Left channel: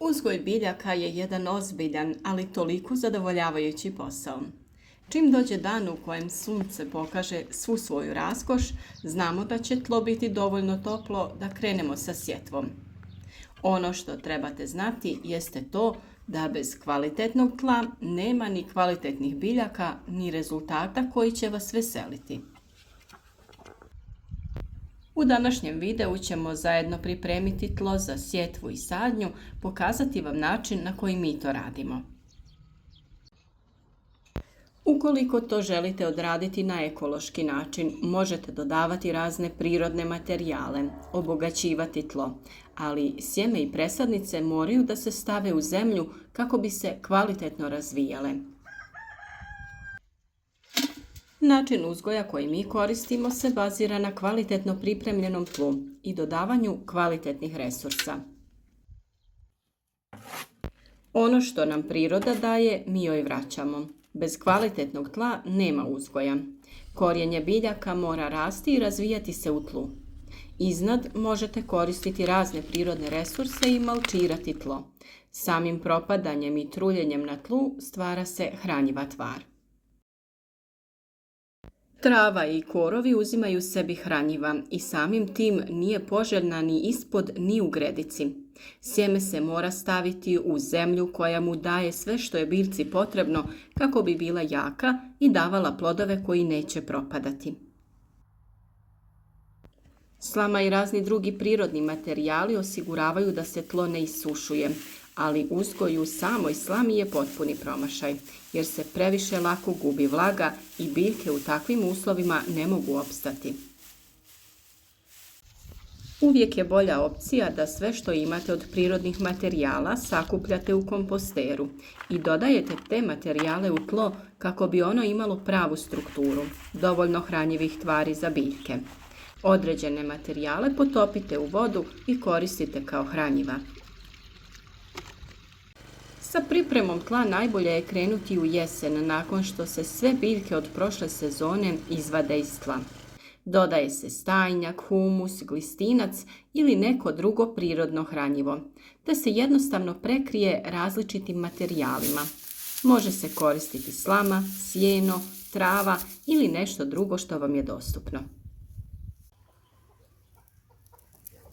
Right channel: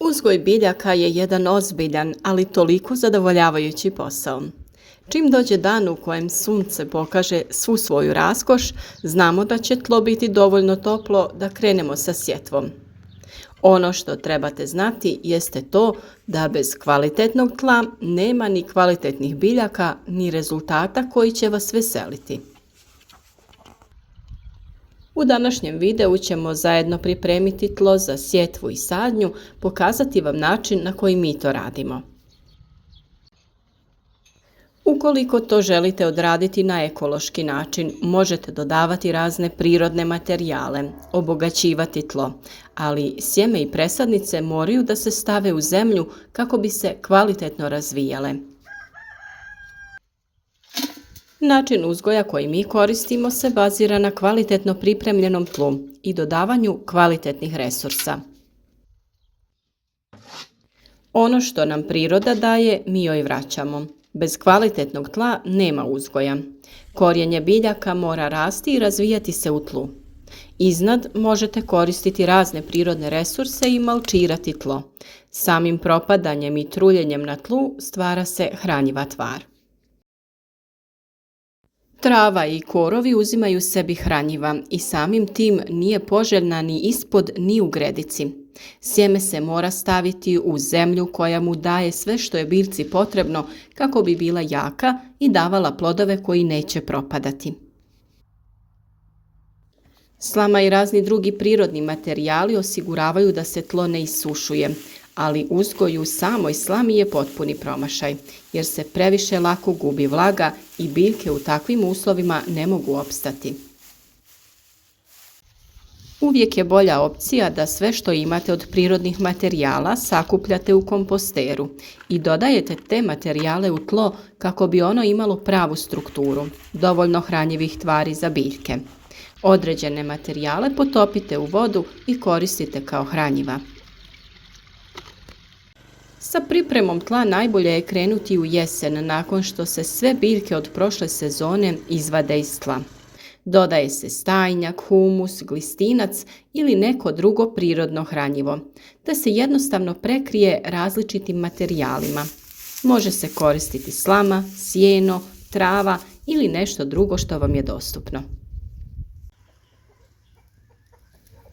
Uzgoj biljaka je jedan ozbiljan, ali toliko zadovoljavajući posao. Čim dođe dan u kojem sunce pokaže svu svoju raskoš, znamo da će tlo biti dovoljno toplo da krenemo sa sjetvom. Ono što trebate znati jeste to da bez kvalitetnog tla nema ni kvalitetnih biljaka, ni rezultata koji će vas veseliti. U današnjem videu ćemo zajedno pripremiti tlo za sjetvu i sadnju, pokazati vam način na koji mi to radimo. Ukoliko to želite odraditi na ekološki način, možete dodavati razne prirodne materijale, obogaćivati tlo, ali sjeme i presadnice moraju da se stave u zemlju kako bi se kvalitetno razvijale. Način uzgoja koji mi koristimo se bazira na kvalitetno pripremljenom tlu i dodavanju kvalitetnih resursa. Ono što nam priroda daje, mi joj vraćamo. Bez kvalitetnog tla nema uzgoja. Korijenje biljaka mora rasti i razvijati se u tlu. Iznad možete koristiti razne prirodne resurse i malčirati tlo. Samim propadanjem i truljenjem na tlu stvara se hranjiva tvar. Trava i korovi uzimaju sebi hranjiva i samim tim nije poželjna ni ispod ni u gredici. Sjeme se mora staviti u zemlju koja mu daje sve što je biljci potrebno kako bi bila jaka i davala plodove koji neće propadati. Slama i razni drugi prirodni materijali osiguravaju da se tlo ne isušuje, ali uzgoj u samoj slami je potpuni promašaj, jer se previše lako gubi vlaga i biljke u takvim uslovima ne mogu opstati. Uvijek je bolja opcija da sve što imate od prirodnih materijala sakupljate u komposteru i dodajete te materijale u tlo kako bi ono imalo pravu strukturu, dovoljno hranjivih tvari za biljke. Određene materijale potopite u vodu i koristite kao hranjiva. Sa pripremom tla najbolje je krenuti u jesen nakon što se sve biljke od prošle sezone izvade iz tla. Dodaje se stajnjak, humus, glistinac ili neko drugo prirodno hranjivo, da se jednostavno prekrije različitim materijalima. Može se koristiti slama, sjeno, trava ili nešto drugo što vam je dostupno.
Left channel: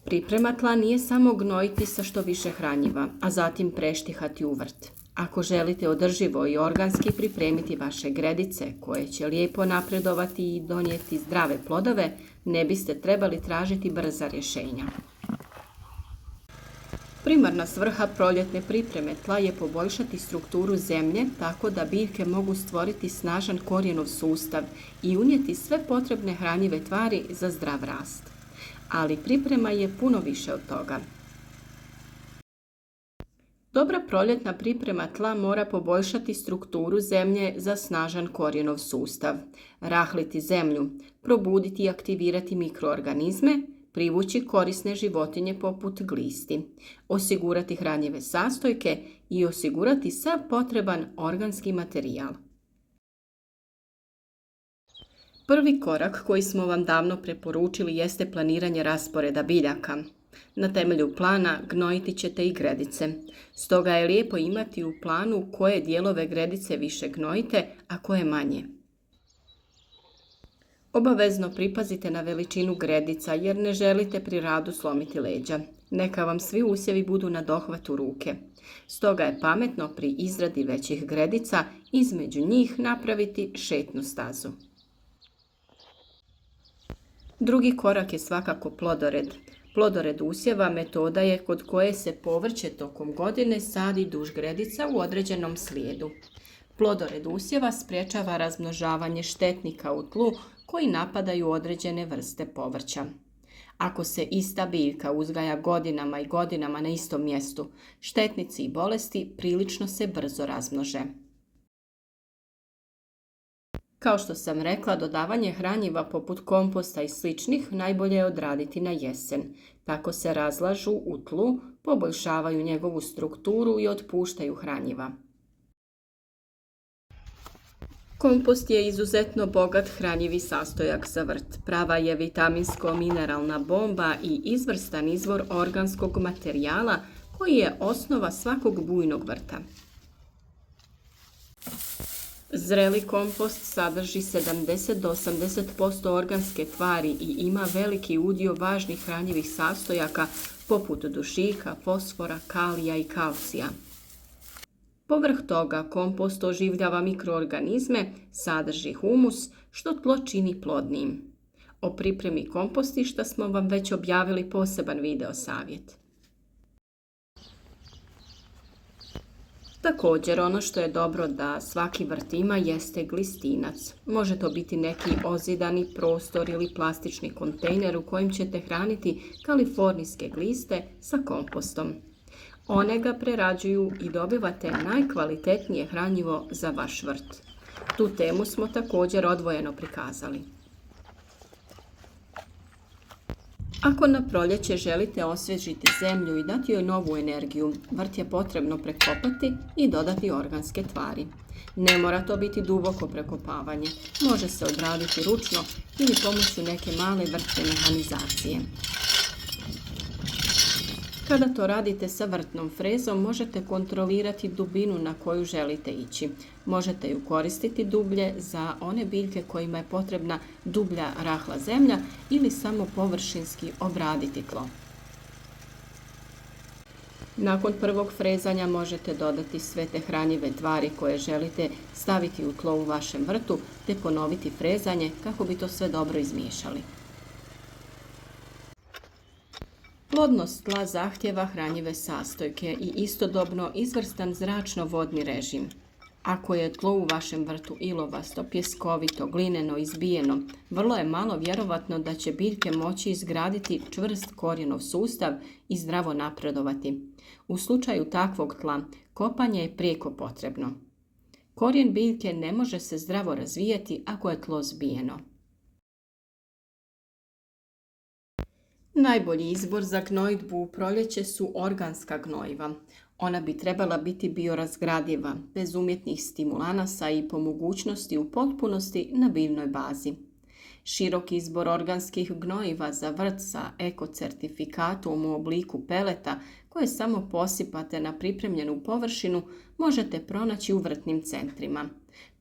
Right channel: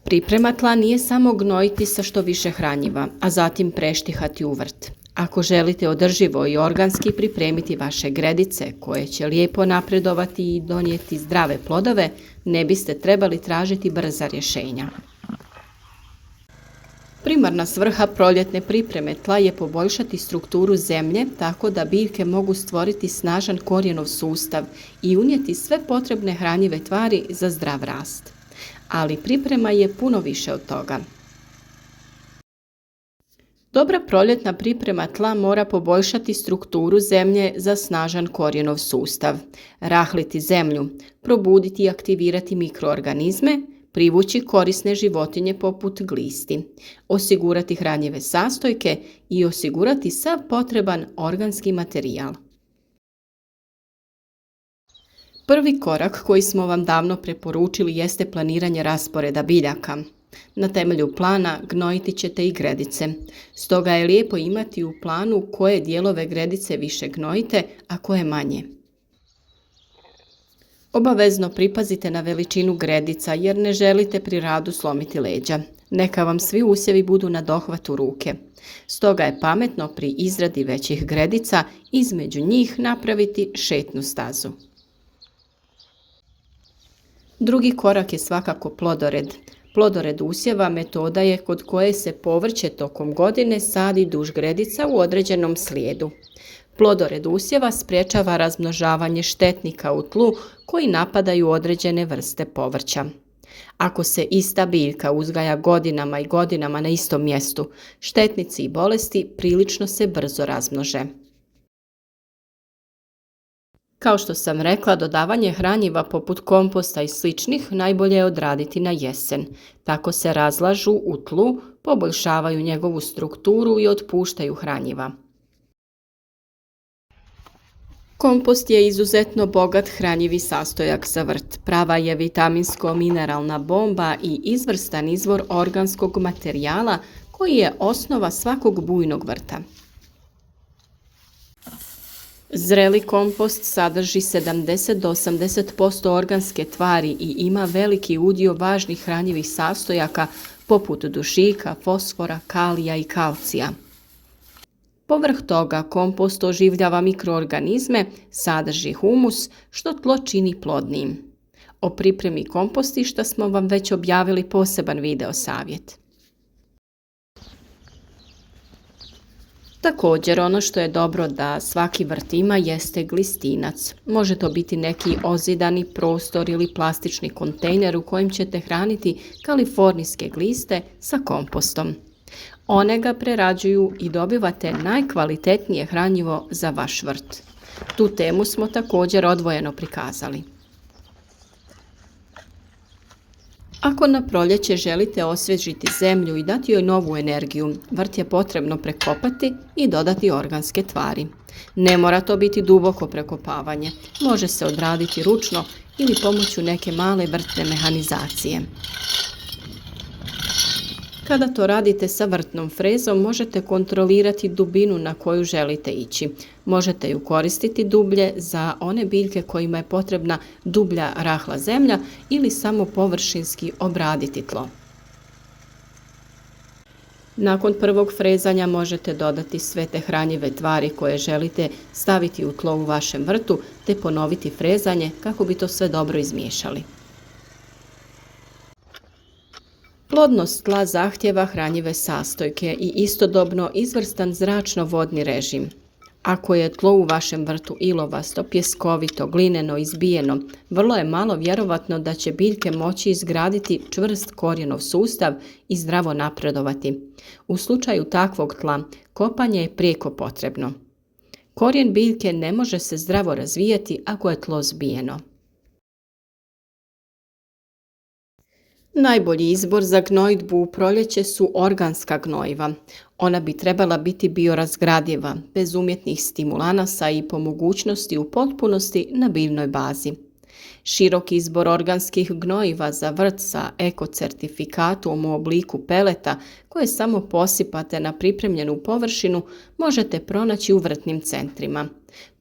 Priprema tla nije samo gnojiti sa što više hranjiva, a zatim preštihati u vrt. Ako želite održivo i organski pripremiti vaše gredice koje će lijepo napredovati i donijeti zdrave plodove, ne biste trebali tražiti brza rješenja. Primarna svrha proljetne pripreme tla je poboljšati strukturu zemlje tako da biljke mogu stvoriti snažan korijenov sustav i unijeti sve potrebne hranjive tvari za zdrav rast. Ali priprema je puno više od toga. Dobra proljetna priprema tla mora poboljšati strukturu zemlje za snažan korijenov sustav, rahliti zemlju, probuditi i aktivirati mikroorganizme, privući korisne životinje poput glisti, osigurati hranjive sastojke i osigurati sav potreban organski materijal. Prvi korak koji smo vam davno preporučili jeste planiranje rasporeda biljaka. Na temelju plana gnojiti ćete i gredice. Stoga je lijepo imati u planu koje dijelove gredice više gnojite, a koje manje. Obavezno pripazite na veličinu gredica jer ne želite pri radu slomiti leđa. Neka vam svi usjevi budu na dohvatu ruke. Stoga je pametno pri izradi većih gredica između njih napraviti šetnu stazu. Drugi korak je svakako plodored. Plodored usjeva metoda je kod koje se povrće tokom godine sadi duž gredica u određenom slijedu. Plodored usjeva sprječava razmnožavanje štetnika u tlu koji napadaju određene vrste povrća. Ako se ista biljka uzgaja godinama i godinama na istom mjestu, štetnici i bolesti prilično se brzo razmnože. Kao što sam rekla, dodavanje hranjiva poput komposta i sličnih najbolje je odraditi na jesen. Tako se razlažu u tlu, poboljšavaju njegovu strukturu i otpuštaju hranjiva. Kompost je izuzetno bogat hranjivi sastojak za vrt. Prava je vitaminsko-mineralna bomba i izvrstan izvor organskog materijala koji je osnova svakog bujnog vrta. Zreli kompost sadrži 70 do 80% organske tvari i ima veliki udio važnih hranjivih sastojaka poput dušika, fosfora, kalija i kalcija. Povrh toga kompost oživljava mikroorganizme, sadrži humus, što tlo čini plodnim. O pripremi kompostišta smo vam već objavili poseban video savjet. Također, ono što je dobro da svaki vrt ima jeste glistinac. Može to biti neki ozidani prostor ili plastični kontejner u kojem ćete hraniti kalifornijske gliste sa kompostom. One ga prerađuju i dobivate najkvalitetnije hranjivo za vaš vrt. Tu temu smo također odvojeno prikazali. Ako na proljeće želite osvježiti zemlju i dati joj novu energiju, vrt je potrebno prekopati i dodati organske tvari. Ne mora to biti duboko prekopavanje, može se odraditi ručno ili pomoću neke male vrtne mehanizacije. Kada to radite sa vrtnom frezom, možete kontrolirati dubinu na koju želite ići. Možete ju koristiti dublje za one biljke kojima je potrebna dublja rahla zemlja ili samo površinski obraditi tlo. Nakon prvog frezanja možete dodati sve te hranjive tvari koje želite staviti u tlo u vašem vrtu te ponoviti frezanje kako bi to sve dobro izmiješali. Plodnost tla zahtjeva hranjive sastojke i istodobno izvrstan zračno-vodni režim. Ako je tlo u vašem vrtu ilovasto, pjeskovito, glineno, izbijeno, vrlo je malo vjerovatno da će biljke moći izgraditi čvrst korijenov sustav i zdravo napredovati. U slučaju takvog tla, kopanje je prijeko potrebno. Korijen biljke ne može se zdravo razvijati ako je tlo zbijeno. Najbolji izbor za gnojidbu u proljeće su organska gnojiva. Ona bi trebala biti biorazgradiva, bez umjetnih stimulanasa i po mogućnosti u potpunosti na biljnoj bazi. Širok izbor organskih gnojiva za vrt sa ekocertifikatom u obliku peleta koje samo posipate na pripremljenu površinu možete pronaći u vrtnim centrima.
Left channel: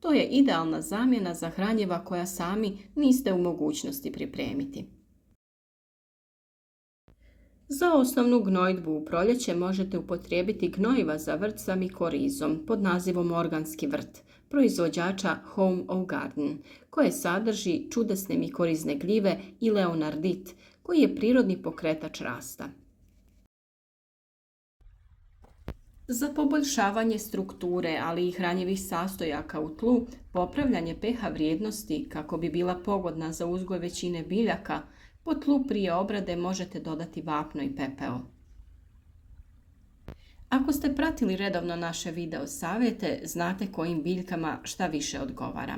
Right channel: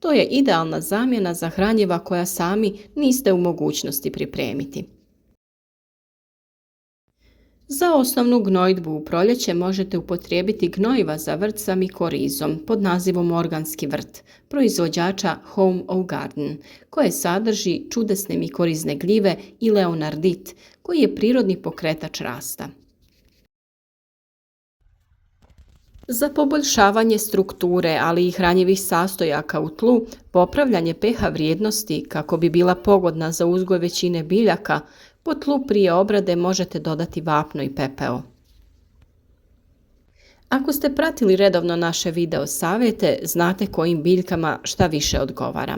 To je idealna zamjena za hranjiva koja sami niste u mogućnosti pripremiti. Za osnovnu gnojidbu u proljeće možete upotrijebiti gnojiva za vrt sa mikorizom pod nazivom organski vrt, proizvođača Home of Garden, koje sadrži čudesne mikorizne gljive i leonardit, koji je prirodni pokretač rasta. Za poboljšavanje strukture, ali i hranjivih sastojaka u tlu, popravljanje pH vrijednosti kako bi bila pogodna za uzgoj većine biljaka, po tlu prije obrade možete dodati vapno i pepeo. Ako ste pratili redovno naše video savjete, znate kojim biljkama šta više odgovara.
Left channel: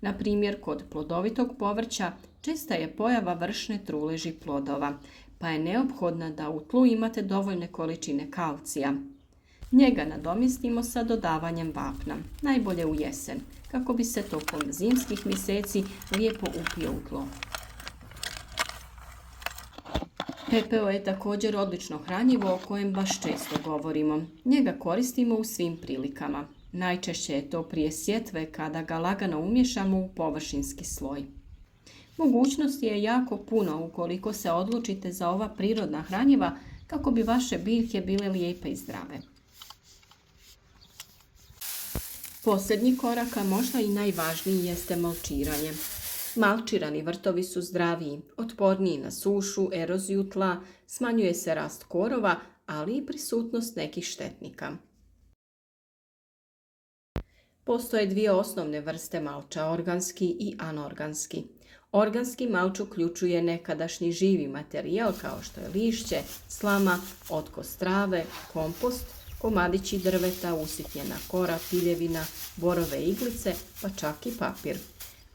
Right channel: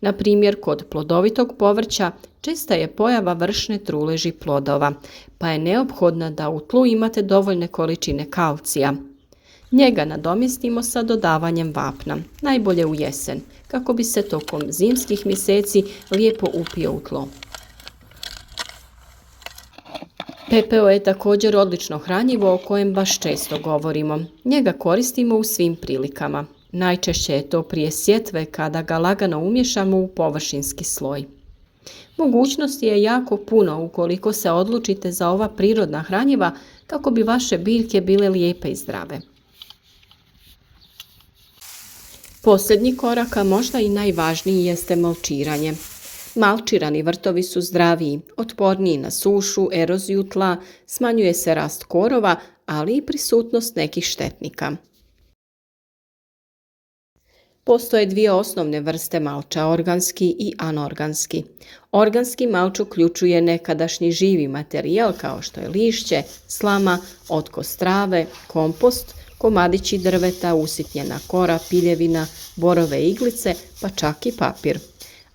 Na primjer, kod plodovitog povrća česta je pojava vršne truleži plodova, pa je neophodno da u tlu imate dovoljne količine kalcija. Njega nadomjestimo sa dodavanjem vapna, najbolje u jesen, kako bi se tokom zimskih mjeseci lijepo upio u tlo. Pepeo je također odlično hranjivo o kojem baš često govorimo. Njega koristimo u svim prilikama. Najčešće je to prije sjetve kada ga lagano umješamo u površinski sloj. Mogućnosti je jako puno ukoliko se odlučite za ova prirodna hranjiva kako bi vaše biljke bile lijepe i zdrave. Posljednji korak, a možda i najvažniji, jeste malčiranje. Malčirani vrtovi su zdraviji, otporniji na sušu, eroziju tla, smanjuje se rast korova, ali i prisutnost nekih štetnika. Postoje dvije osnovne vrste malča, organski i anorganski. Organski malč uključuje nekadašnji živi materijal kao što je lišće, slama, otkos trave, kompost, komadići drveta, usitnjena kora, piljevina, borove iglice, pa čak i papir.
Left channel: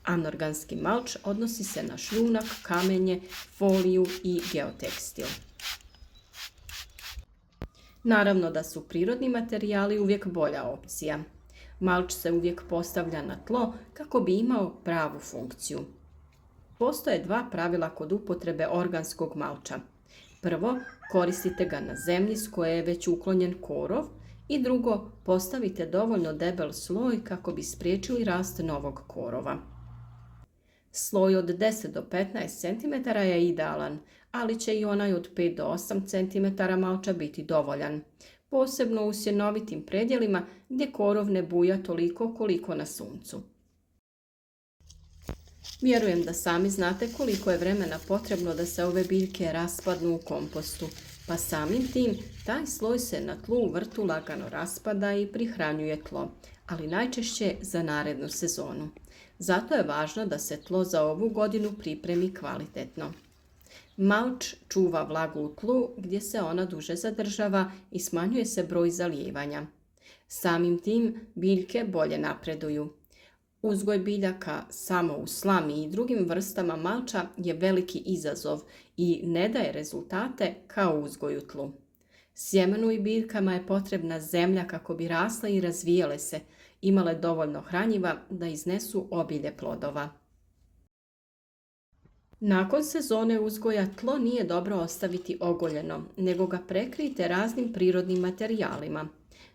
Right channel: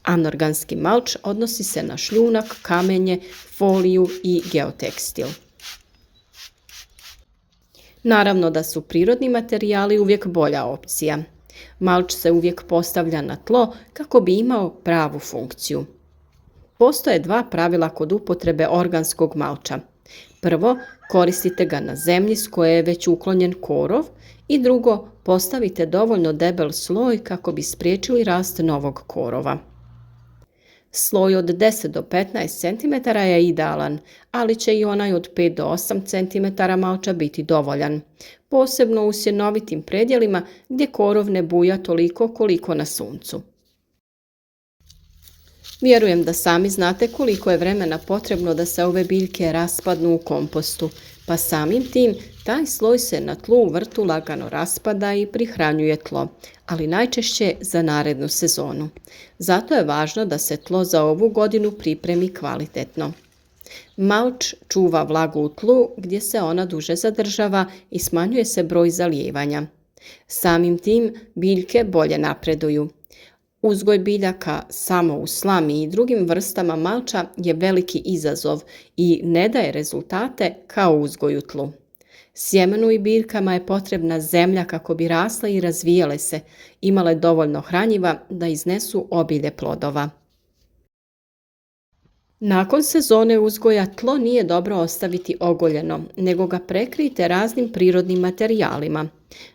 Anorganski malč odnosi se na šljunak, kamenje, foliju i geotekstil. Naravno da su prirodni materijali uvijek bolja opcija. Malč se uvijek postavlja na tlo kako bi imao pravu funkciju. Postoje dva pravila kod upotrebe organskog malča. Prvo, koristite ga na zemlji s koje je već uklonjen korov i drugo, postavite dovoljno debel sloj kako bi spriječili rast novog korova. Sloj od 10 do 15 cm je idealan, ali će i onaj od 5 do 8 cm malča biti dovoljan, posebno u sjenovitim predjelima gdje korov ne buja toliko koliko na suncu. Vjerujem da sami znate koliko je vremena potrebno da se ove biljke raspadnu u kompostu, pa samim tim taj sloj se na tlu u vrtu lagano raspada i prihranjuje tlo, ali najčešće za narednu sezonu. Zato je važno da se tlo za ovu godinu pripremi kvalitetno. Malč čuva vlagu u tlu gdje se ona duže zadržava i smanjuje se broj zalijevanja. Samim tim biljke bolje napreduju. Uzgoj biljaka samo u slami i drugim vrstama malča je veliki izazov i ne daje rezultate kao uzgoj u tlu. Sjemenu i biljkama je potrebna zemlja kako bi rasle i razvijale se, imale dovoljno hranjiva da iznesu obilje plodova. Nakon sezone uzgoja tlo nije dobro ostaviti ogoljeno, nego ga prekrijte raznim prirodnim materijalima.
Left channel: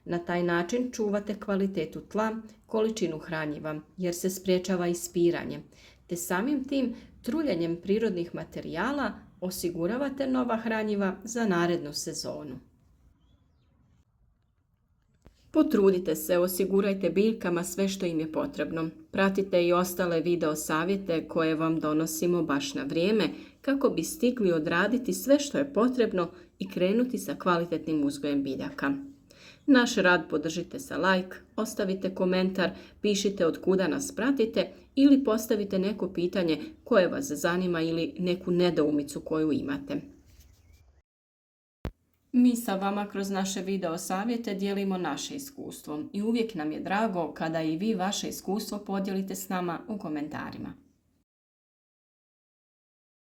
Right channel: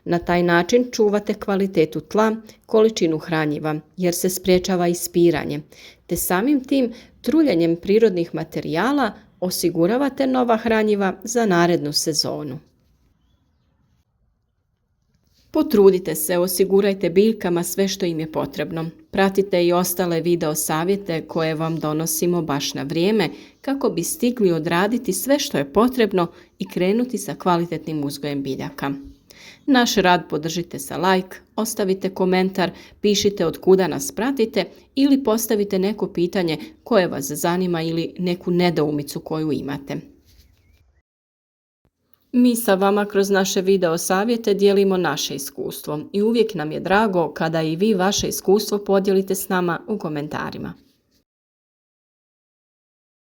Na taj način čuvate kvalitetu tla, količinu hranjiva, jer se sprječava ispiranje, te samim tim truljenjem prirodnih materijala osiguravate nova hranjiva za narednu sezonu. Potrudite se, osigurajte biljkama sve što im je potrebno. Pratite i ostale video savjete koje vam donosimo baš na vrijeme kako bi stigli odraditi sve što je potrebno i krenuti sa kvalitetnim uzgojem biljaka. Naš rad podržite sa like, ostavite komentar, pišite od kuda nas pratite ili postavite neko pitanje koje vas zanima ili neku nedoumicu koju imate. Mi sa vama kroz naše video savjete dijelimo naše iskustvo i uvijek nam je drago kada i vi vaše iskustvo podijelite s nama u komentarima.